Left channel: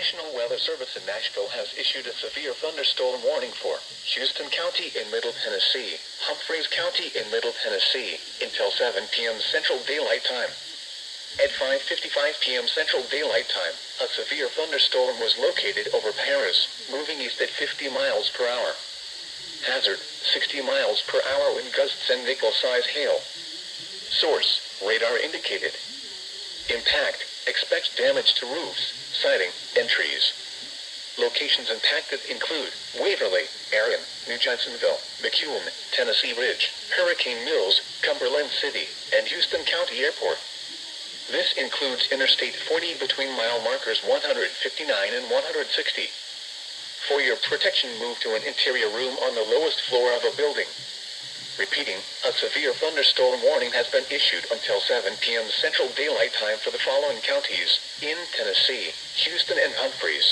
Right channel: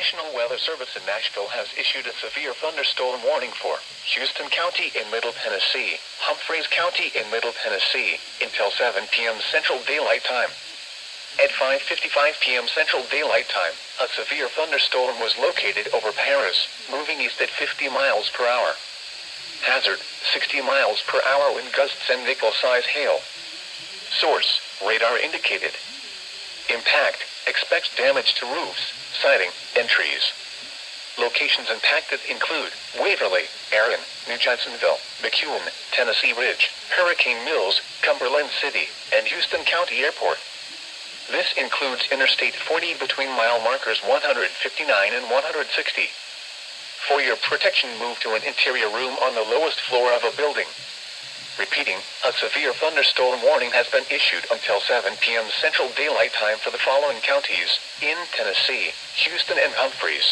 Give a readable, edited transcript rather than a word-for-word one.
National Weather Service in Nashville has issued a severe thunderstorm warning for Houston County in Middle Tennessee, Humphreys County in Middle Tennessee, until 7 p.m. Central Daylight Time. At 5:55 p.m. Central Daylight Time, a severe thunderstorm was located over Paris, moving east at 50 miles per hour. Hazard, 60 miles per hour wind gusts and nickel-size hail. Source, radar indicated. Impact, expects damage to roofs, siding, and trees. Locations impacted include Waverly, Arion, New Jacksonville, McEwen, Tennessee Ridge, Hurricane Mills, Cumberland City, and Houston County Airport. This includes Interstate 40 between mile markers 159 and 160. For your protection, move to an interior room on the lowest floor of a building. Repeating, a severe thunderstorm warning has been issued until 7 p.m. Central Daylight Time for the following counties in Tennessee, Houston, and Humphreys.